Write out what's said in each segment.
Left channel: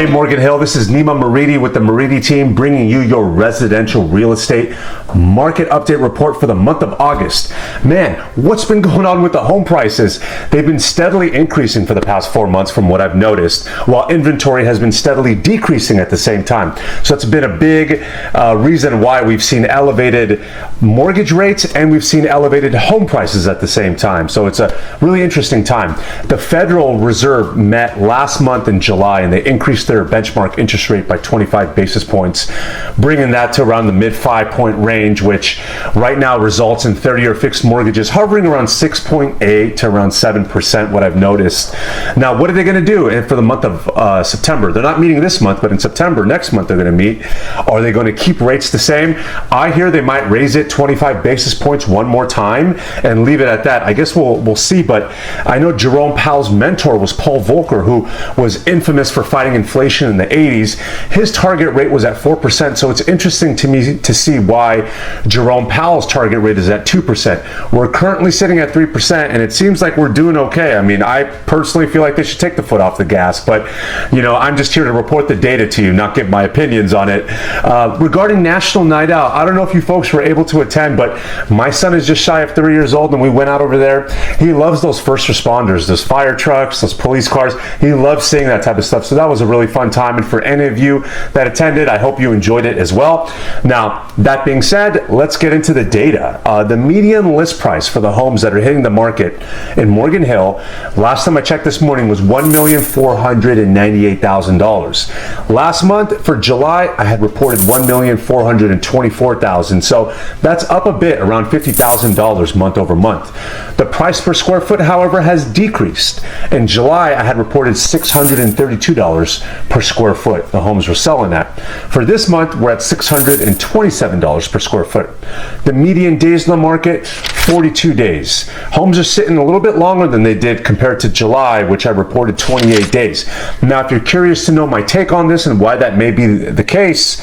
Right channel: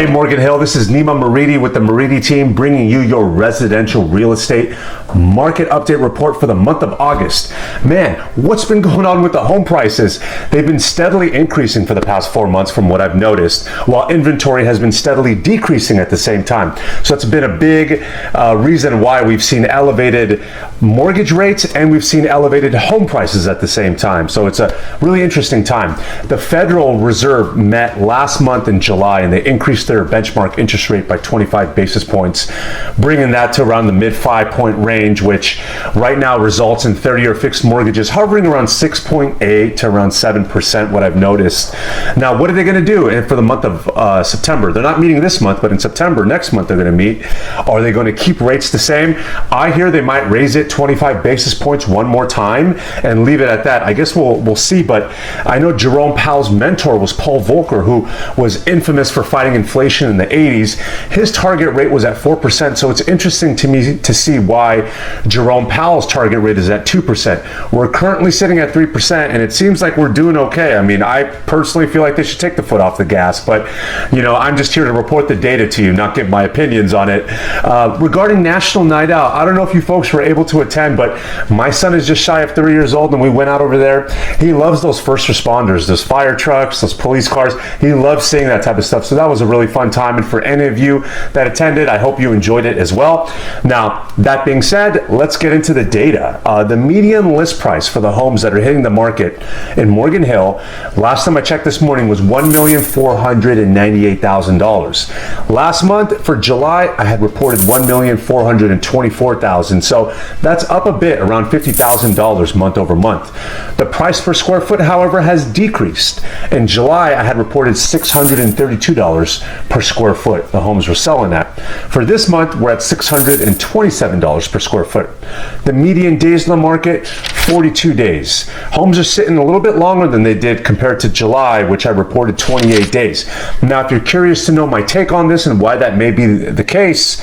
Hey Morgan Hill, this is Nima Moridi with the Moridi team bringing you your residential real estate market update report for the month of August. Man, what's been going on with the home prices? They've been steadily increasing for the past 4 months from what I've noticed, while inventory has been steadily decreasing at the same time. So it's been a big reason why we've seen elevated mortgage rates and we've seen elevated home prices at the same time. So it's a really interesting time. The Federal Reserve met last month in July and they increased their benchmark interest rate by 25 basis points, bringing that to around the mid 5-point range, which right now results in 30-year fixed mortgages hovering around 6.8 to around 7%, what I've noticed. Now, what are they going to do for the month of September? They're not meeting this month, but in September, next month, they're going to meet. Are they going to keep rates the same? I hear they might raise it 25 basis points one more time and leave it at that. I guess we'll see, but I know Jerome Powell's mentor was Paul Volcker, who was infamous for fighting inflation in the 80s. His target rate was at 4%, so it's interesting to me to see why Jerome Powell's target rate is at 2%. We're currently sitting at 3%, and it seems like we're doing okay. I mean, I personally feel like they should take the foot off the gas, but, you know, I'm just here to report the data to you, not give my opinions on it. Regarding National Night Out, I don't know if you folks were able to attend, but my son is just shy of 3 years old, and we went out over there. He loves those first responders, those fire trucks, those police cars. He loves seeing that type of stuff. So that was a really fun time. And for any of you that attended, I hope you enjoyed it as well. Now, that being said, let's get into the data. The median list price for the homes that are hitting the market in Morgan Hill, last time I checked this morning, was $1,498,000. Last month, for July, I had reported $1,424,000. So that's up a bit, around $50,000 month over month. The price per square foot, however, has decreased. In July, I had reported $632 per square foot the homes were selling at. For this month, we're at $627 per square foot. The median days in the market, 42 days. Homes are sitting a little bit longer than they did compared to July, which I reported 28 days. Now, if you're curious to know my take on this and why that may be the case,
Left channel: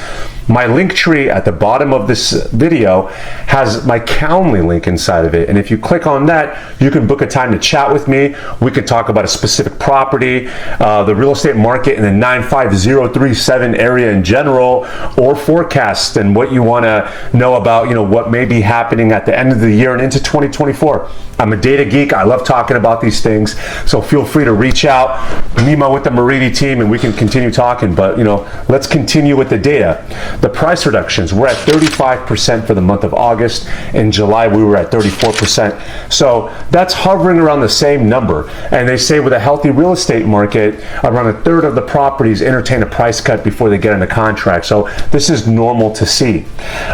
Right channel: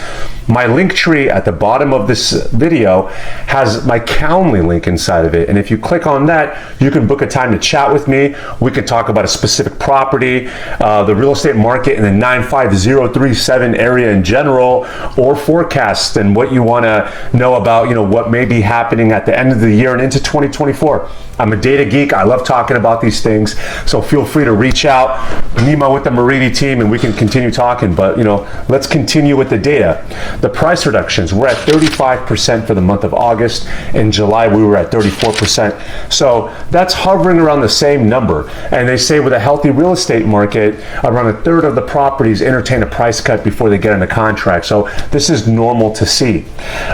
my link tree at the bottom of this video has my Calendly link inside of it. And if you click on that, you can book a time to chat with me. We could talk about a specific property, the real estate market in the 95037 area in general, or forecast and what you want to know about, you know, what may be happening at the end of the year and into 2024. I'm a data geek. I love talking about these things. So feel free to reach out, Nima with the Moridi team, and we can continue talking. But, you know, let's continue with the data. The price reductions, we're at 35% for the month of August. In July, we were at 34%. So that's hovering around the same number. And they say with a healthy real estate market, around a third of the properties entertain a price cut before they get on the contract. So this is normal to see.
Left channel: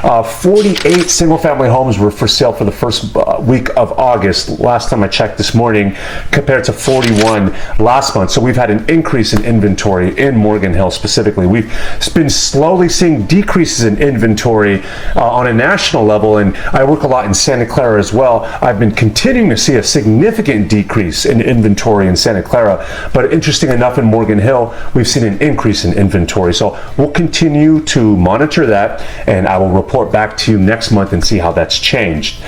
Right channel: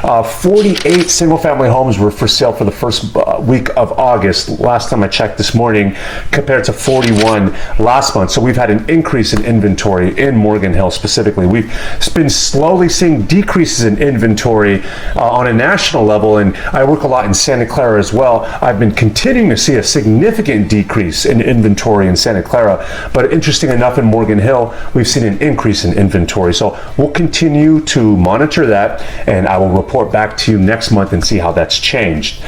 48 single-family homes were for sale for the first week of August. Last time I checked this morning, compared to 41 last month. So we've had an increase in inventory in Morgan Hill specifically. We've been slowly seeing decreases in inventory on a national level, and I work a lot in Santa Clara as well. I've been continuing to see a significant decrease in inventory in Santa Clara, but interesting enough, in Morgan Hill, we've seen an increase in inventory. So we'll continue to monitor that, and I will report back to you next month and see how that's changed.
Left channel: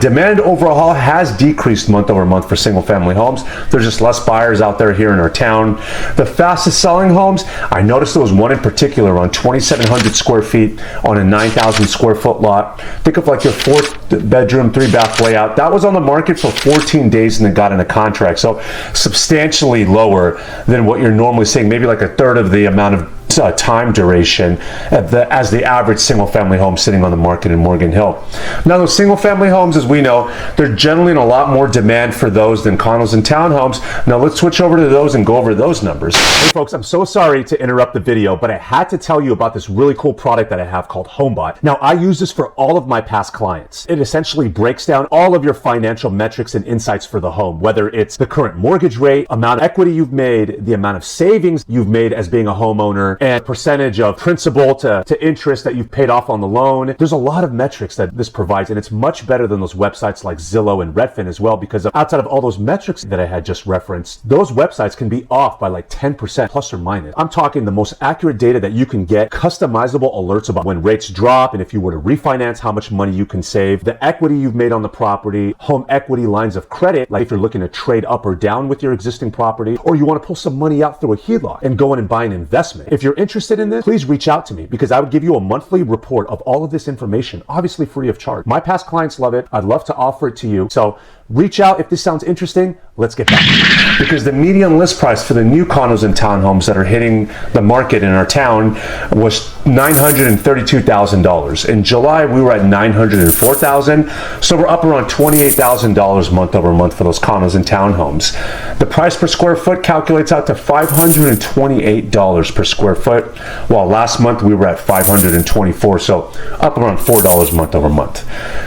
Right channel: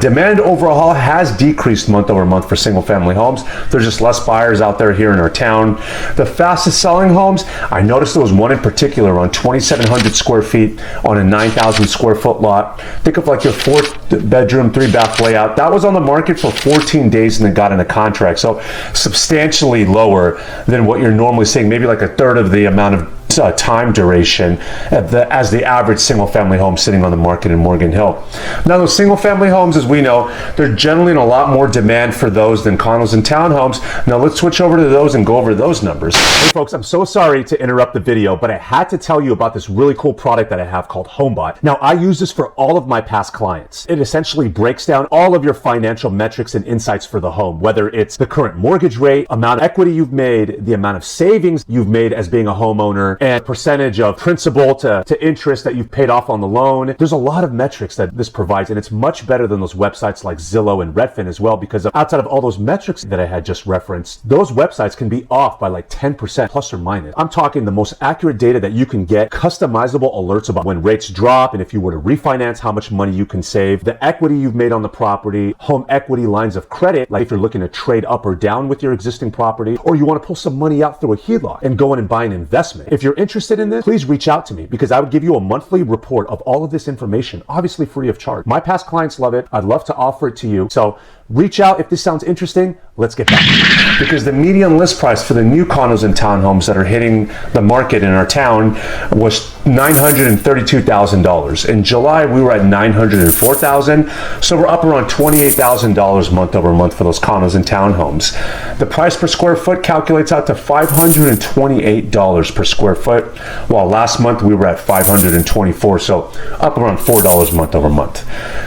Demand overall has decreased month over month for single family homes. There's just less buyers out there here in our town. The fastest selling homes, I noticed there was one in particular on 2,700 square feet on a 9,000 square foot lot. Think of like your 4-bedroom, 3-bath layout. That was on the market for 14 days and then got in a contract. So substantially lower than what you're normally seeing, maybe like a third of the amount of time duration as the average single-family home sitting on the market in Morgan Hill. Now, those single-family homes, as we know, they're generally in a lot more demand for those than condos and townhomes. Now, let's switch over to those and go over those numbers. Hey, folks, I'm so sorry to interrupt the video, but I had to tell you about this really cool product that I have called HomeBot. Now, I use this for all of my past clients. It essentially breaks down all of your financial metrics and insights for the home, whether it's the current mortgage rate, amount of equity you've made, the amount of savings you've made as being a homeowner, and percentage of principal to interest that you've paid off on the loan. There's a lot of metrics that this provides, and it's much better than those websites like Zillow and Redfin as well, because outside of all those metrics that I had just referenced, those websites can be off by like 10% plus or minus. I'm talking the most accurate data that you can get, customizable alerts about when rates drop, and if you were to refinance, how much money you can save, the equity you've made on the property, home equity lines of credit, like if you're looking to trade up or down with your existing property, or you want to pull some money out through a HELOC and go in and buy an investment. If you're interested in this, please reach out to me, because I would give you a monthly report of all of this information, obviously free of charge. My past clients love it. I'd love to offer it to you. So reach out if this sounds interesting. Let's get back. Because the median list price for the new condos and townhomes that are hitting the market in our town was $932,000. In July, we were at $904,000. So we're up around $28,000 month over month for those condos and townhomes. The price per square foot calculates out to $528 per square foot, while last month we were at $524. So up around $4 month over month.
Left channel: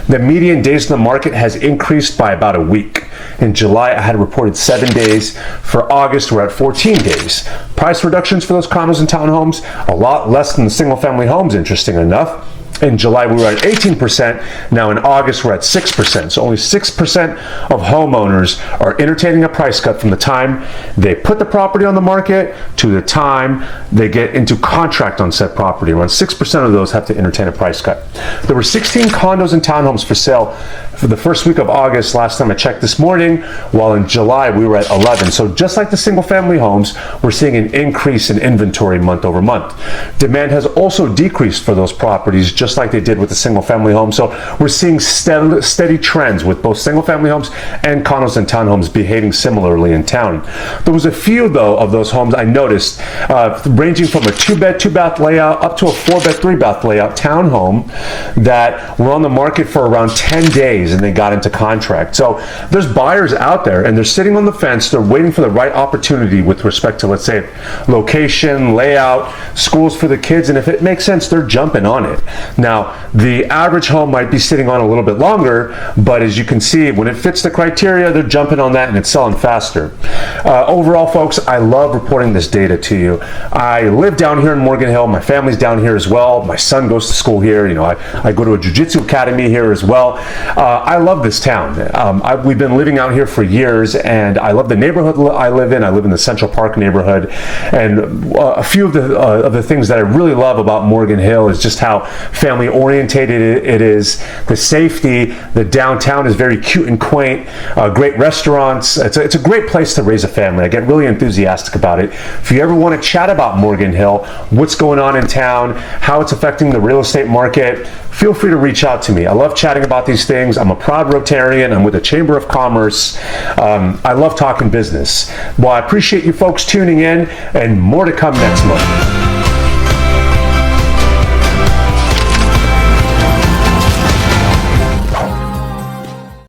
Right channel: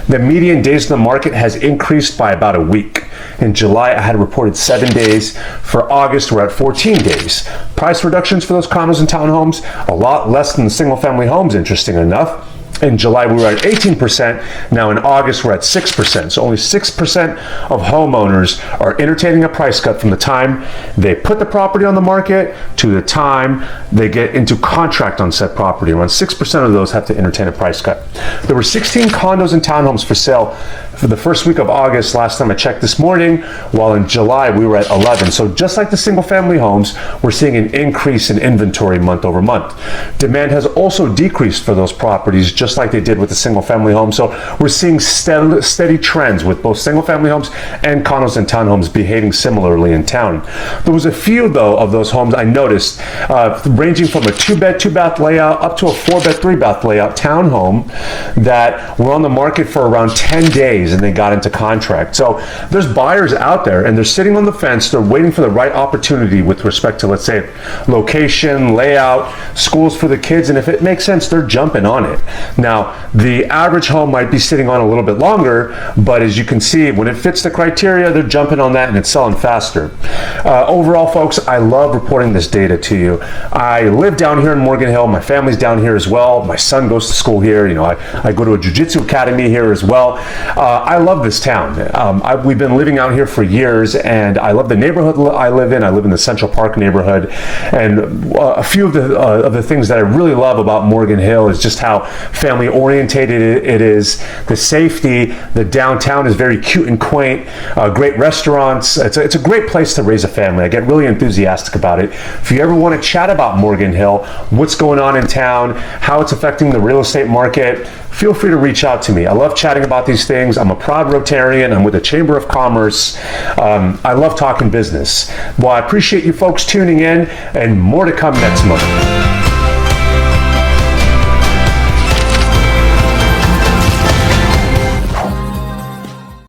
The median days in the market has increased by about a week. In July, I had reported 7 days. For August, we're at 14 days. Price reductions for those condos and townhomes, a lot less than the single-family homes, interesting enough. In July, we were at 18%. Now in August, we're at 6%. So only 6% of homeowners are entertaining a price cut from the time they put the property on the market to the time they get into contract on said property. Around 6% of those have to entertain a price cut. There were 16 condos and townhomes for sale for the first week of August, last time I checked this morning, while in July we were at 11. So just like the single family homes, we're seeing an increase in inventory month over month. Demand has also decreased for those properties, just like they did with the single family homes. So we're seeing steady trends with both single family homes and condos and townhomes behaving similarly in town. There was a few, though, of those homes I noticed, ranging from a 2-bed, 2-bath layout up to a 4-bed, 3-bath layout townhome that were on the market for around 10 days and they got into contract. So there's buyers out there and they're sitting on the fence. They're waiting for the right opportunity with respect to, let's say, location, layout, schools for the kids, and if it makes sense, they're jumping on it. Now, the average home might be sitting on a little bit longer, but as you can see, when it fits the criteria, they're jumping on that and it's selling faster. Overall, folks, I love reporting this data to you. I live down here in Morgan Hill. My family's down here as well. My son goes to school here. I go to a jiu-jitsu academy here as well. I love this town. We've been living out here for years, and I love the neighborhood I live in. I live in the Central Park neighborhood, and a few of the things that I really love about Morgan Hill is just how family orientated it is. The safety, the downtown is very cute and quaint. Great restaurants. It's a great place to raise a family. I get really enthusiastic about it. If you ever want to chat about Morgan Hill, what's going on in town, how it's affecting the real estate market, feel free to reach out to me. I love chatting about these things. I'm a proud Rotarian. I'm with the Chamber of Commerce. I love talking business. Well, I appreciate you folks tuning in, and more to come next month.